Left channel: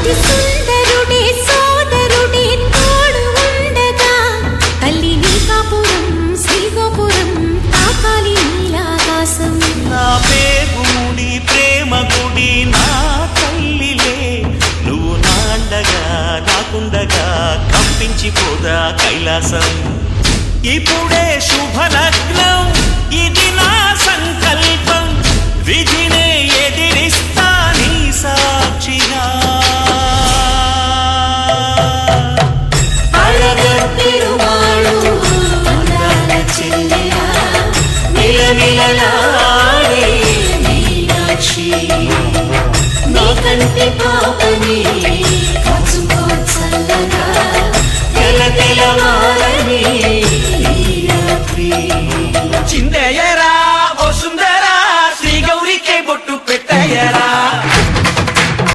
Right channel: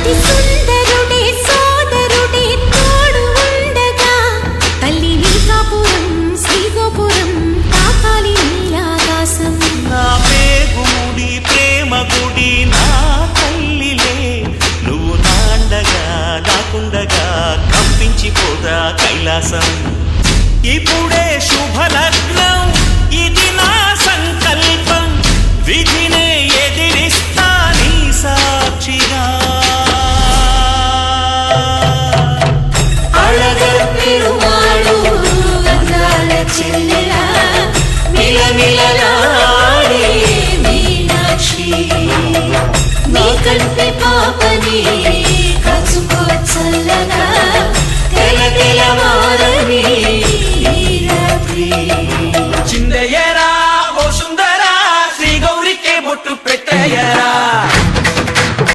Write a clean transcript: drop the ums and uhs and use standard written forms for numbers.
అతి సుందరుడే సోదరుడే తోడు ఉండగా తల్లి నీ కాపురం శ్రీగోపురం తాకాలి నీలాకాశం. నా పేగుముడి ప్రేమ గుడి నా తల్లిలే, నువ్వు నాండగా నాకుండగా కంపించిపోదా కైలాసం. ఇప్పుడే శుభలగ్నం ఇది నా సంకల్పం, విధినే ఎదిరిస్తా నీ సాక్షిగా. అళగర్ పెరుమాళు అందాల చెల్లెలా మిలమిలలాడే మీనాక్షి, నీ కంటి పాపని కాచుకో చల్లగా తెల తెలవారని ఈ రాత్రి. చిందయ్య